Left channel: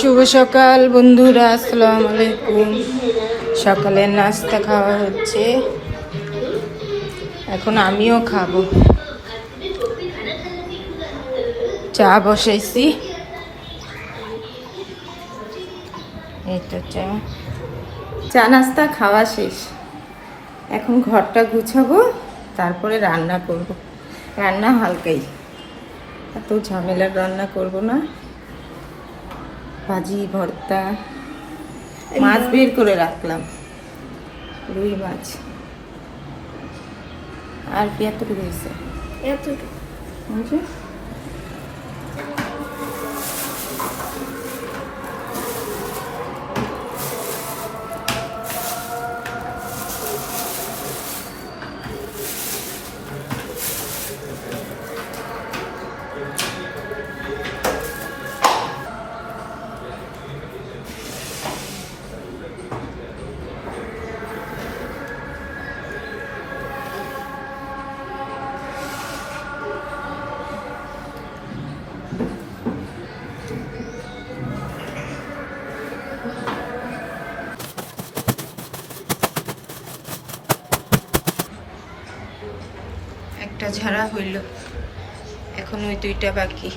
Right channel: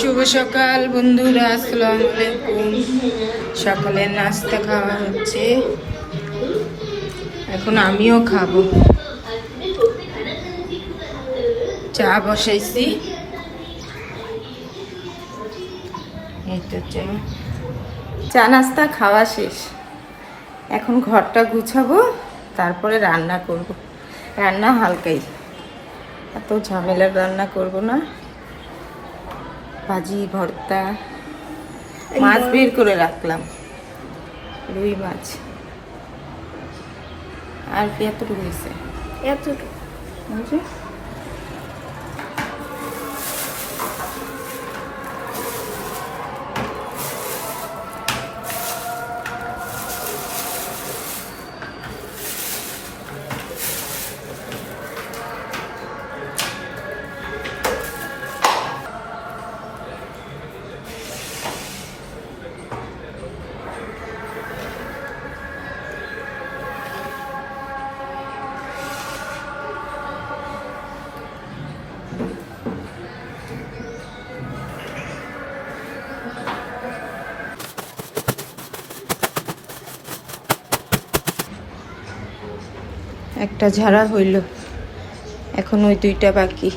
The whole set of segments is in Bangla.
শুভ সকাল বন্ধুরা, আসসালামু আলাইকুম। সকালে নাস্তা খাওয়া হচ্ছে। এখন আমিও খাব। চা বসাইছি। চা। চা নাস্তা খাওয়া শেষ। এখন ঘরটা গুছাবো, তারপরে রান্না করব। রান্না হালকাই। এত ঝামেলার রান্না করব না। ভাজি ভর্তা মাছ বের করে রাখলাম। রুই মাছ। আর কি এতটুকু হয়েছে? বুঝলি? একটা ঝাড়া হইল। এখন ওই দুইটা বাকি।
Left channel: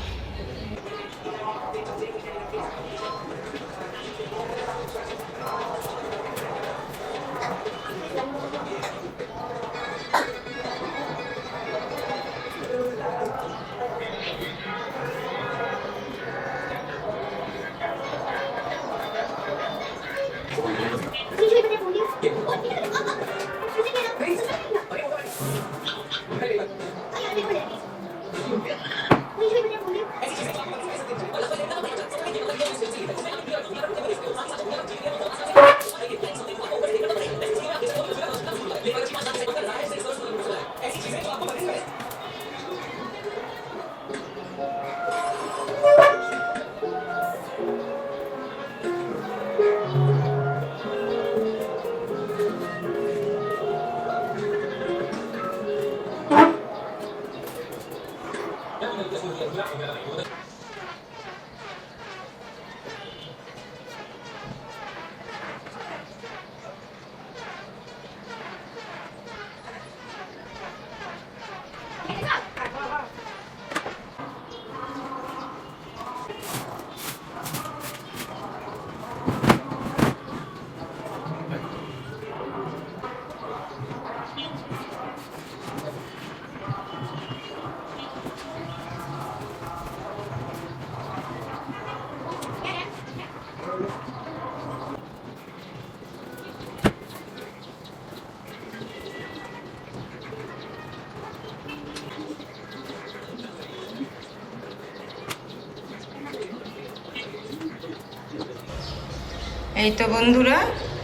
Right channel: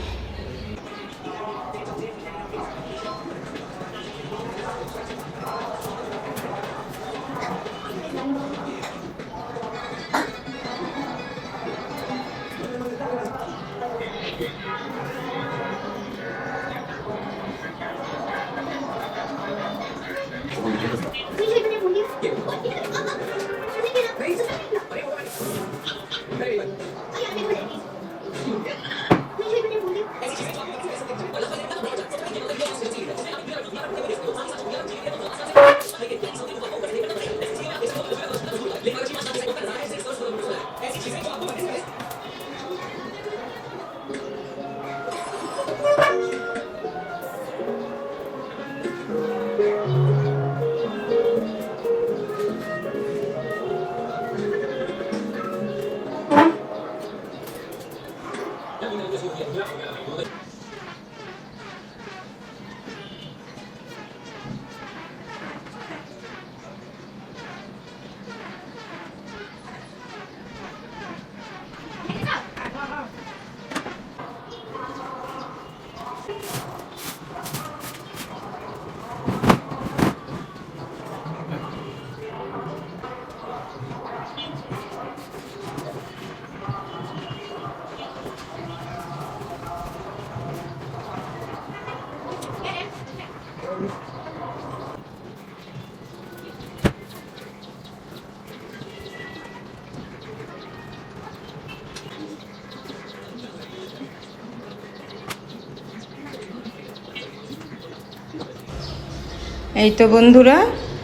এই তো বন্ধুরা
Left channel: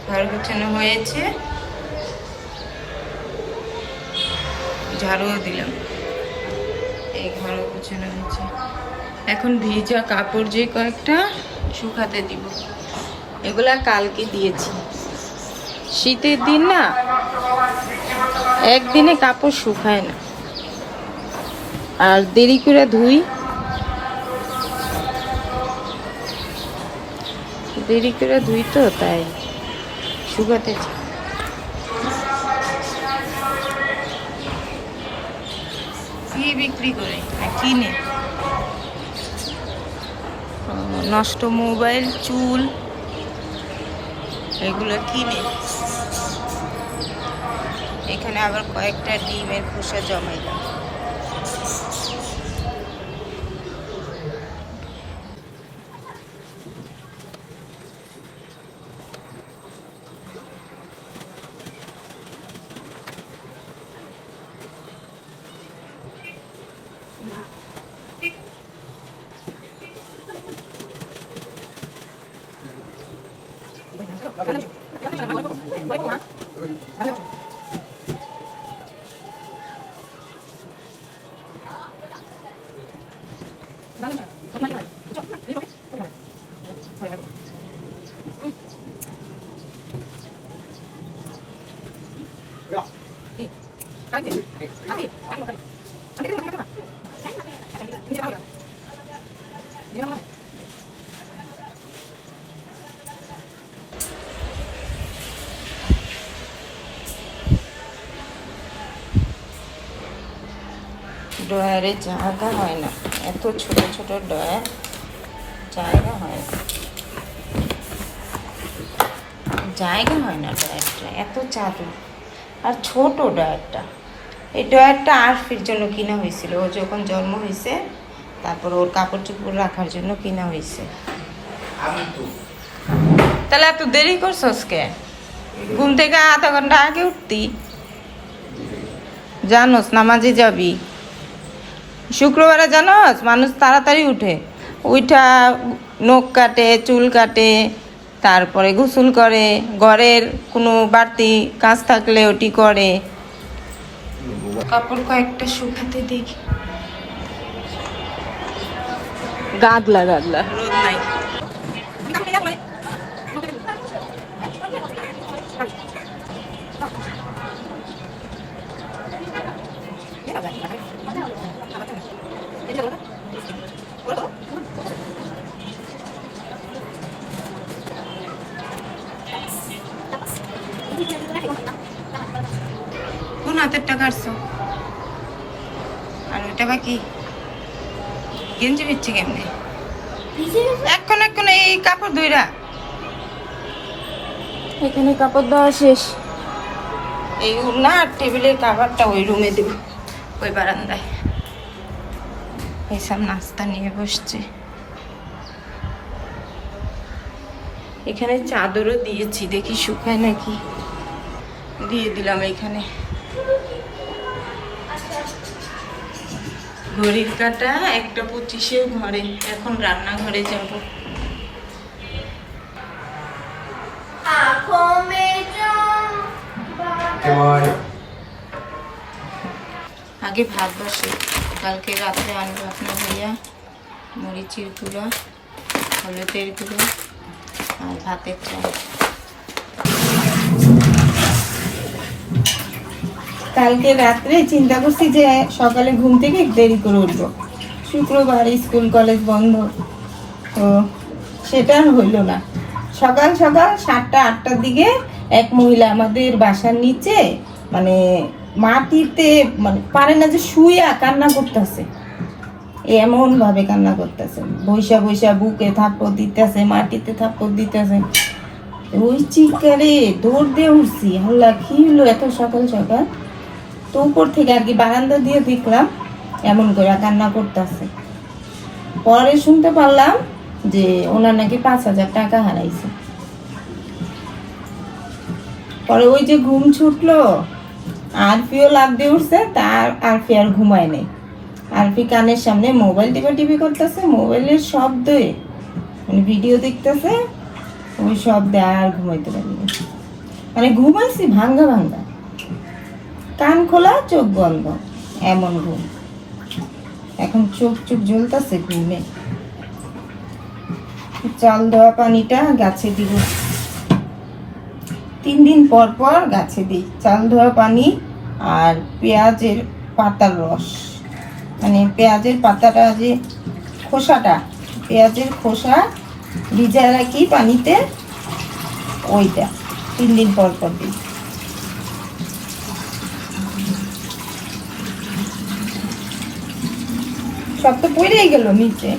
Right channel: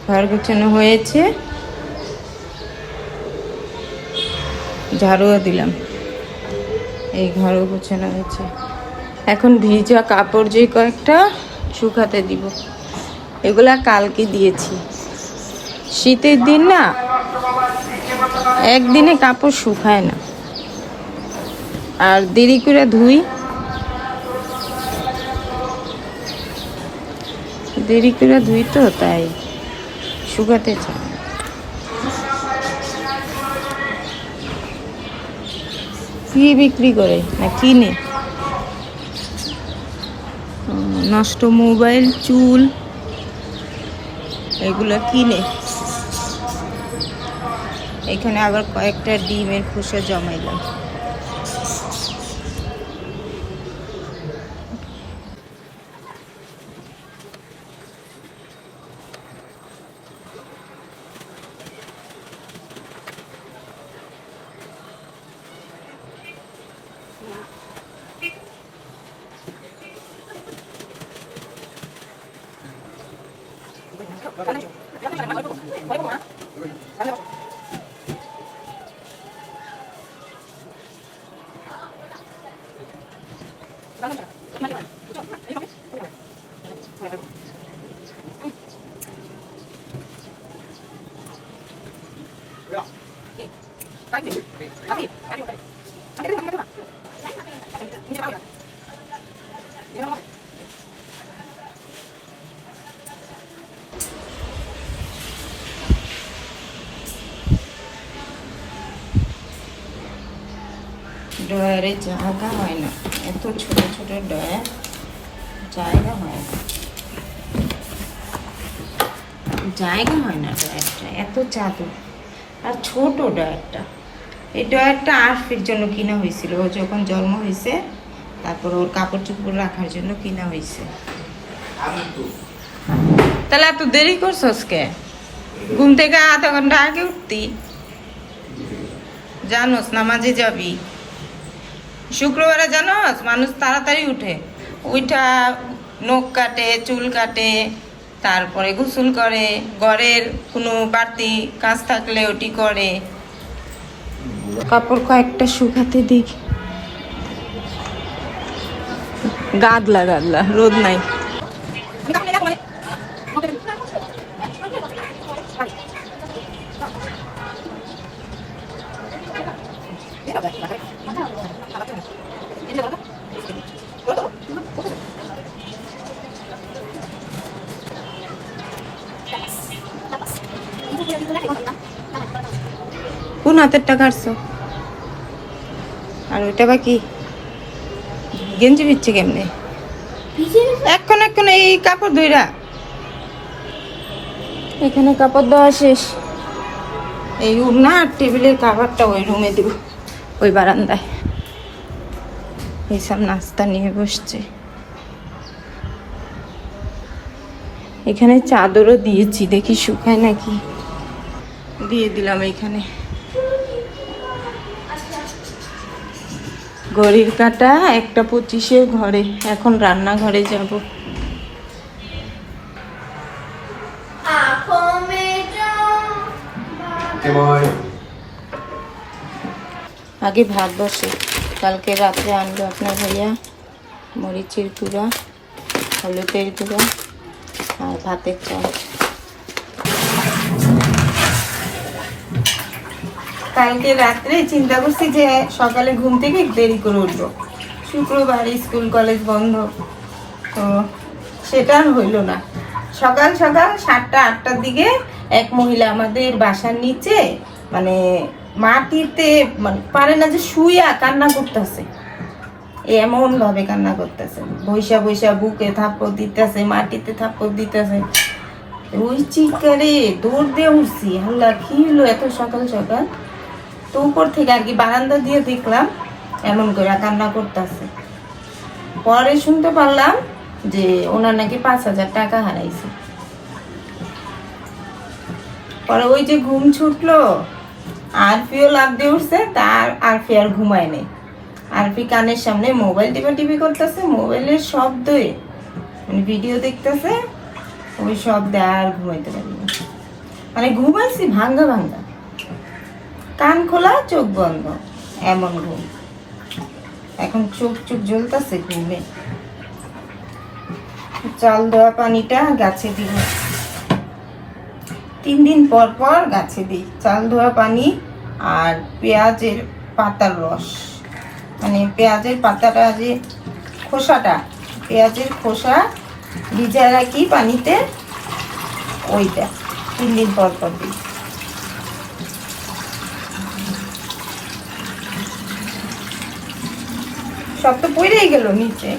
ঘর গুছানো হয়েছে। ঝাড়ুও দিলাম। এই ঘর গুছানো হয়েছে। এখন ভিজা কাপড় যে কয়েকটা শুকাতে দিব। এগুলা কালকে দিয়েছি। শীতের দিন না, একদিনে কাপড় শুকায় না। আর দেরি করে ধুই দেরি করে ধুই তো তাই শুকাতে চাই। কি বিক্রি করে? না কিনে? নষ্ট মোবাইল, চুল, এগুলো কিনে। এখানে আবার কয়েকটা ডিমের খোসা জমাইলাম। Vale. ড্রয়ারে জায়গা হয় না। এত ছোট ছোট ড্রয়ার জায়গা হয় না। জায়গা হয় না ড্রয়ারটা, এত চাদর আর ছোট ড্রয়ারটা। এই ড্রয়ারটা আরফির জন্য কিনা হয়েছিল। ও যখন জন্ম হয়েছে, তারপর ওর কাপড় চোপড় রাখার জন্য কিনা হয়েছে। তাহলে এত দেরি করছস কে? ঘুম থেকে আধা ঘণ্টা আগে উঠতি। জানোস, নামাজে যাবি। শুক্রবারে জানোস মানুষ তাড়াতাড়ি উঠে। উঠা নখ কাটে চুল কাটে তারপরে গোসল করে। ঘরের কোনো বাড়তি কাজ থাকলে ওটি করে। কাপড় কয়েকটা শুকাতে দিক গাদ লাগা রোদ নাই। কোন হাতের টাকা আসছো আর ওইটা বা কি? গেঞ্জি বিচ্ছে কেমনে? এখন এখন এই কাপড় ধইরা। এখানে কাপড় দেওয়া শেষ। এই উড়না আর টেবিলের কাভারটা ওই রুমে দেব ওই বারান্দায়। এইসব নাস্তা নিয়ে বসছে। এখানে চাদরও দিয়েছি দেখি শুকায় নাকি? দিয়ে দিলাম এখানে। ঘড়ির কাটা একটা পঁচিশের ঘরে। এখন রান্নাঘরে যাব। আগে ভাত বসে। কালকে রাত্রে আনবে আপনার ভাইয়া মরিচের গুঁড়া হলুদের গুঁড়া আর ভাতের চাল। কালকে রাত্রে চিন্তা করছি যে সকালে ঘুম থেকে দেরি করে উঠবো। শুক্রবার স্কুল, কলেজ বন্ধ, তো সেটা হইল না। সকাল সকাল সাতটা, আটটার দিকে এক মহিলা আমাদের বাসার নিচে মানে মাটিতে মানে পারে না যে শুইয়া কান্না করতেছে। এমন ভাবে কান্না করতেছে। বৈশা বৈশা বুকে থাপ্পড় দিতেছে, মাটিতে থাপ্পড় দিতেছে। ওই চিৎকারে দৌড় দিয়ে উঠছি। আল্লাহ কি হলো এত সকাল সকাল? তো উপর থেকে আর কি বারান্দা দিয়ে দেখলাম, এমন করে কান্না করতেছে। পরে শুনতে পারলাম যে ওনার নাকি পাঁচ হাজার টাকা হারাইছে। পরে ওই যে ঘুম ছুটলো, আরফিও লাভ দিয়ে উঠছে, তার আরফি আর ঘুমায় নেই। আরফি কানের সামনে মোবাইল টিপা টিপি করতেছে, মোবাইলের শব্দে মানে ভিডিও দেখতেছে, ওই শব্দে আর ঘুমাইতে পারিনি। মানে ঘুমাইছি ভাঙ্গা ভাঙ্গা। কান খোলা, চোখ বন্ধ। এমন ঘুম এখন চোখ চোখ জ্বলতেছে ঘুমে। চাল দেওয়া পানিটা গাছে দিব। তিন দিন পর পর গাছে দিই। চাল ধোয়া পানি আর পেঁয়াজের পাতার রস। মানে পেঁয়াজের পাতাটা যে খোসাটা, পেঁয়াজের খোসা ভিজায় রাখি পানিতে, ওইটা তিন দিন পর পর দিই। সব তো পড়েই গেল নিচে।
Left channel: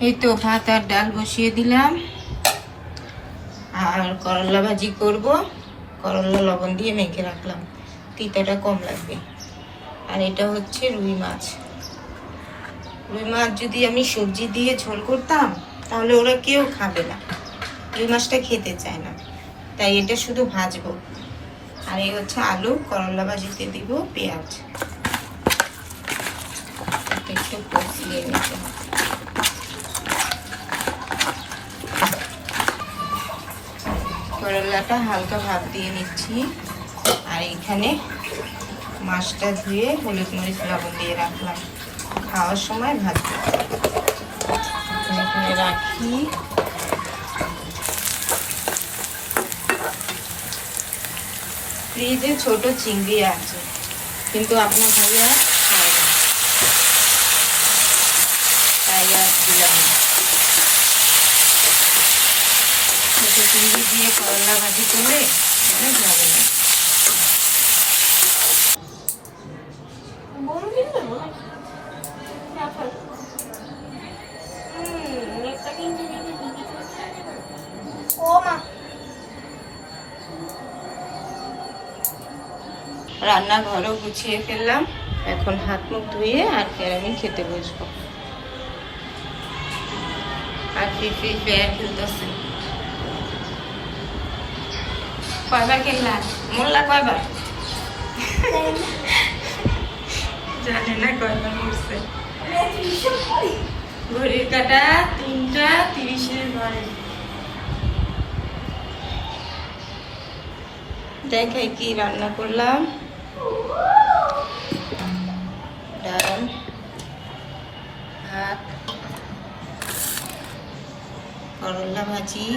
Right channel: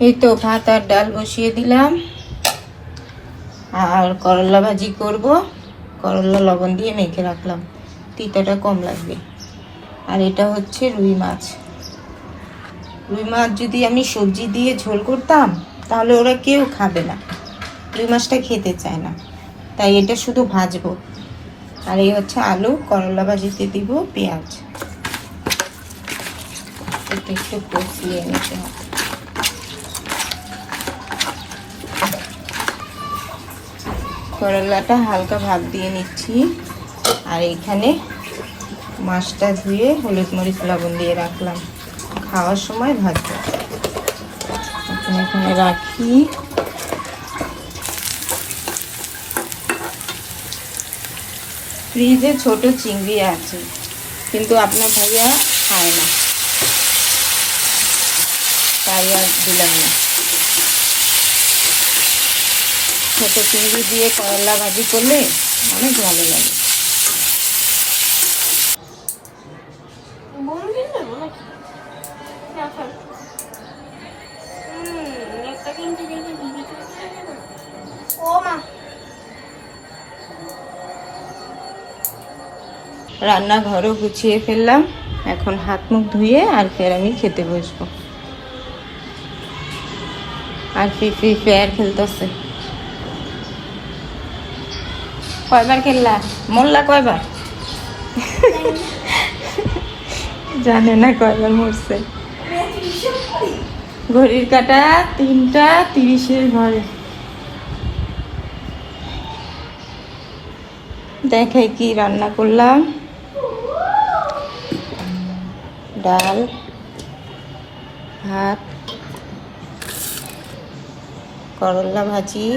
এই তো ভাত আর ডাল বসিয়ে দিলাম। আর করলা ভাজি করব। করলা লবণ দিয়ে মেখে রাখলাম। তিতাটা কম লাগবে। আর এটা হচ্ছে রুই মাছ। রুই মাছ যদি আমি সবজি দিয়ে ঝোল করতাম, তাহলে ওরা কেউ খাবে না। রুই মাছটা খেতে চায় না। তাই এটা শুধু ভাজবো। আর এই হচ্ছে আলু, করলা ভাজিতে দিব পেঁয়াজ। এটা একটু কষিয়ে নিতে করলাটা হালকা ভাত দিয়ে নিচ্ছি। আর এখানে মাছটা ধুয়ে হলুদ মরিচ, লবণ দিয়ে রাখলাম। খাওয়ার সময় ভাজবো। এখানে রাখি। ফ্রিজে ছোট চিংড়ি আছে, কিন্তু আপনার আর খায় না। তাই আর দিলাম না। ছোটো চিংড়ি দিয়ে করলা ভাজি করলে অনেক ভালো লাগে। রান্নাঘরও গুছিয়ে ফেললাম। এখন হাত মুখ ধুয়ে আর ফের আমি খেতে বসবো। আর ফ্রি ফ্রি ফায়ার খেলতেছে? কয়বার খেললা? মোল্লা কয়বার? জানে না কয়বার মরছে। ঘড়ির কাটা তিনটা, তিরিশের ঘরে দেখাই কি রান্না করলাম। ডাল, ভাত, করলা ভাজি,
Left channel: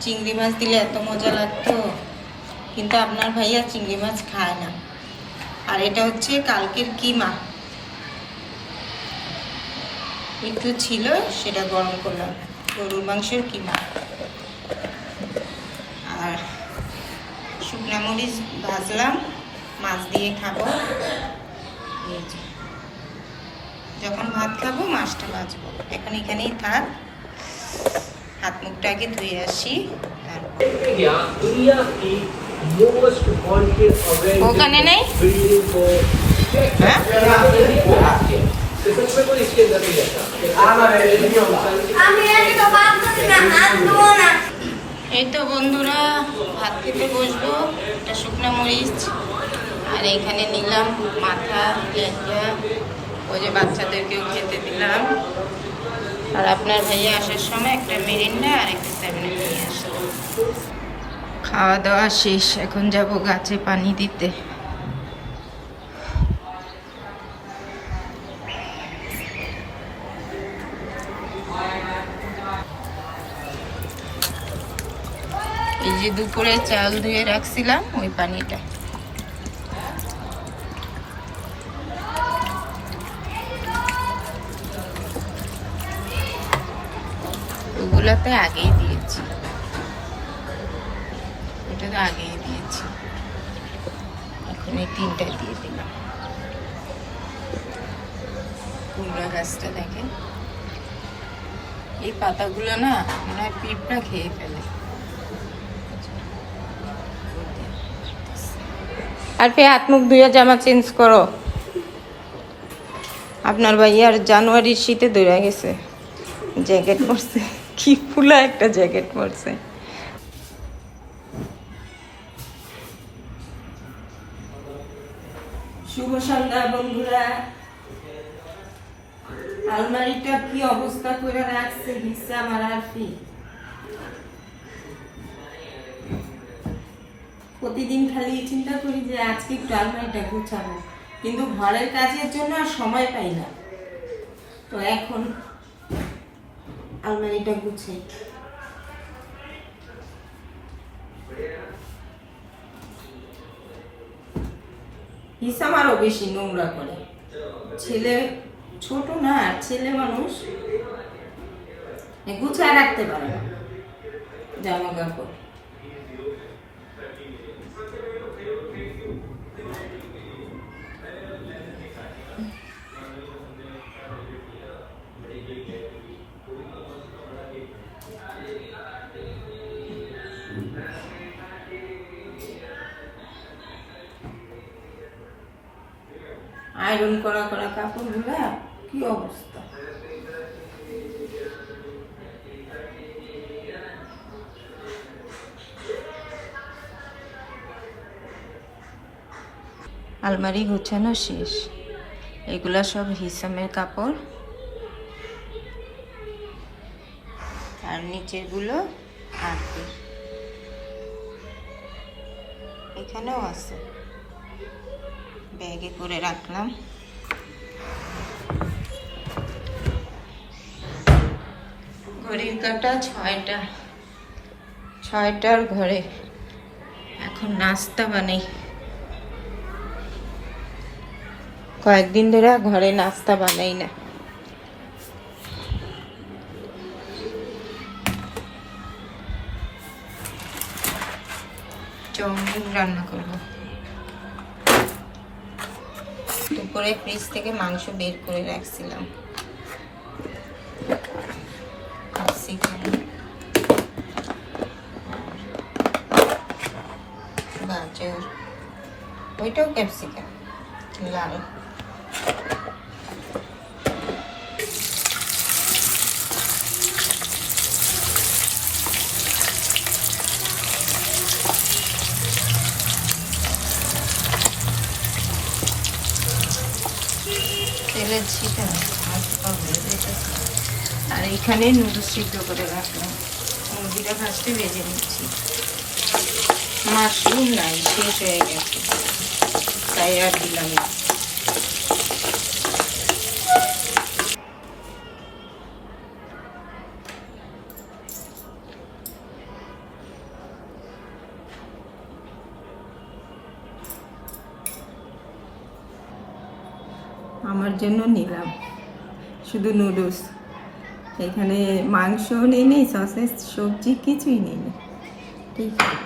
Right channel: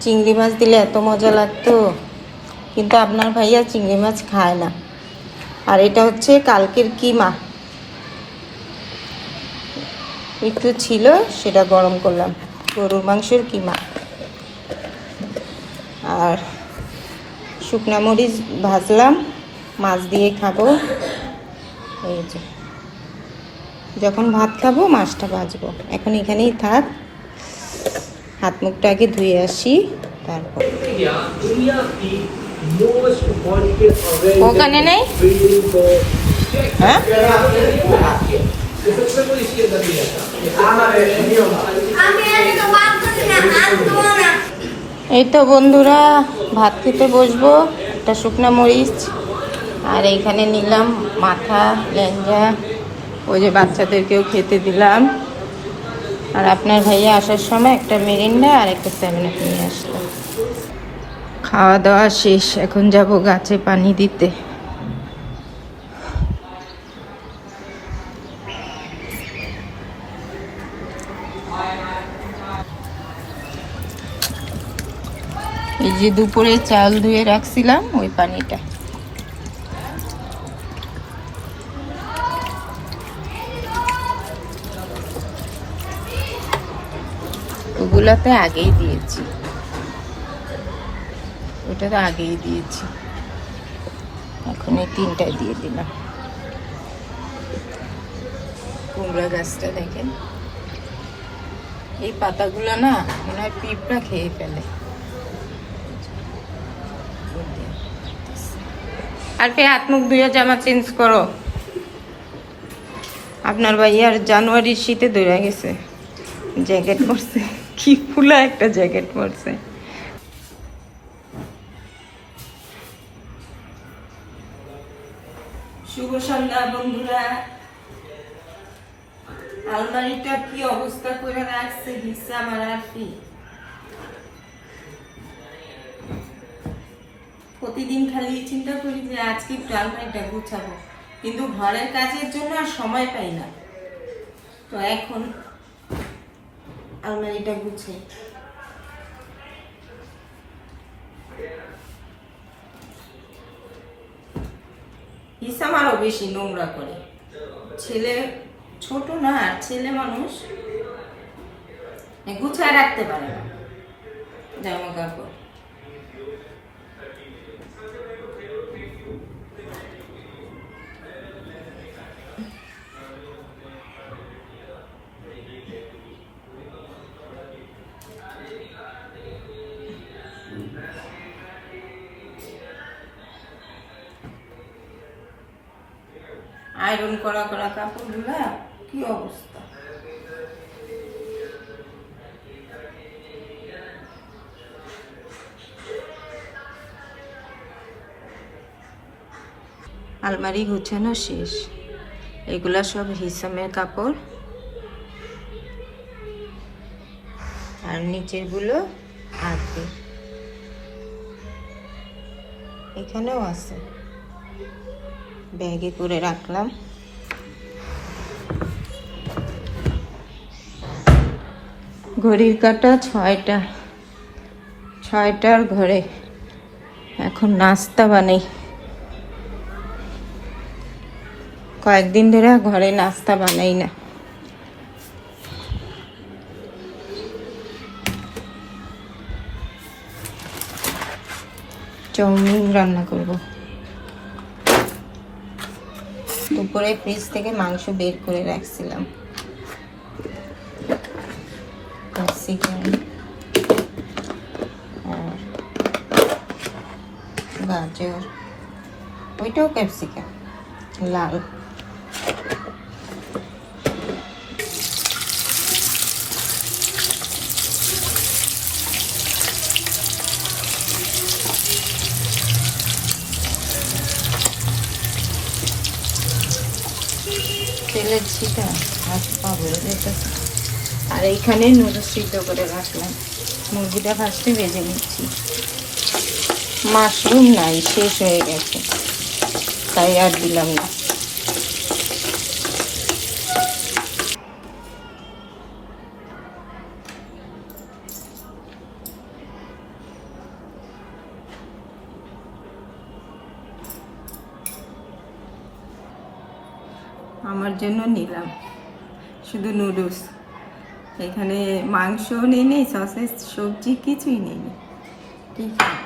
চিংড়ি মাছ দিলে এত মজা লাগতো। কিন্তু আপনার ভাইয়া চিংড়ি মাছ খায় না। আর এটা হচ্ছে কালকের কিমা। একটু ছিল, সেটা গরম করলাম। গরুর মাংসের কিমা। আর শুকনা মরিচ ভাজলাম। মাছ দিয়ে খাব। এই যে। যখন ভাত খাব মাছটা বাজবো এখন এখানেই থাক। হাত মুখটা আগে ধুয়ে আসি তারপর। ওখানে নেই? হ্যাঁ? এই তো বন্ধুরা ভাত খেতে বসবো। একটা শুকনো মরিচ আর এইখানে নিলাম মাথা লেঞ্জা ওই যে বাচ্চাদেরকেও খেতে দিলাম। আর আপনার ভাইয়া আসার সময় একটা মেরিন্ডা আর একটা সেভেন আপ নিয়ে আসলো। খাওয়া দাওয়া শেষ, এখন যাব গাছে পানি দিতে। এই যে দুপুরে চাল ধুয়ে রাখছিলাম, ওই পানিটা। ওগুলাতে আগেই দিয়েছি। এটা তো আগেই দিয়েছি। এখন এই তিনটা দিয়ে দিলাম। কুমড়া গাছটা দেখেন। এই পাতাগুলো না মনে হয় পিঁপড়া খেয়ে ফেলে। আর ফে হাত মুখ ধুয়ে জামা চেঞ্জ করো। আপনার ভাইয়ার জানুয়ারির শীতে দৌড়া গেছে। জ্যাকেট পরছে। কি ফুলা একটা জ্যাকেট পরছে। শুভ সন্ধ্যা, বন্ধুরা। আলমারিটা কি অবস্থা করে রাখছে হিসা মারার কি প্রতিদিন খালি চিন্তা করি যে আজকে একটু আলমারিটা গুছাবো, কিন্তু ঘরের কাজের জন্য আর সময় পাই না। তো এখন আলমারিটা গুছাই হিসাম আরও বেশি নোংরা করে। ছেলে ছোট না ছেলে মানুষ গুছায় রাখতে পারে না। জামা কাপড় আয়রন করা করা কাপড়গুলা, কি অবস্থা? আলমারি গুছানো শেষ। এগুলা সব হিসামের কাপড়। আর নিচেরগুলো আসবে এখানেও আছে। ব্যাগে করে রাখলাম। ঘড়ির কাটা ছয়টা, ছয়টার ঘরে এখন নাস্তা বানাই। কয়েকদিন ধরে ঘরে নাস্তা বানাই না। চাউমিন রান্না করব। দুপুরে ফ্রিজ থেকে মাংস বের করে রাখছিলাম। গাজর ওইটাও ক্যাপসিকাম লাল। আর এইখানে নুডলস সিদ্ধ করে রাখলাম। মুরগিটা ফার্স্টে ভেজে নিচ্ছি। মাশরুম নাই শেষ হয়ে গেছে। তাই আর দিলাম না। জন্য নিলাম। শুধু নুডলস। এখানে মাংসও নেই নেই সসেস সবজি কিছুই নেই। ঠিক আছে।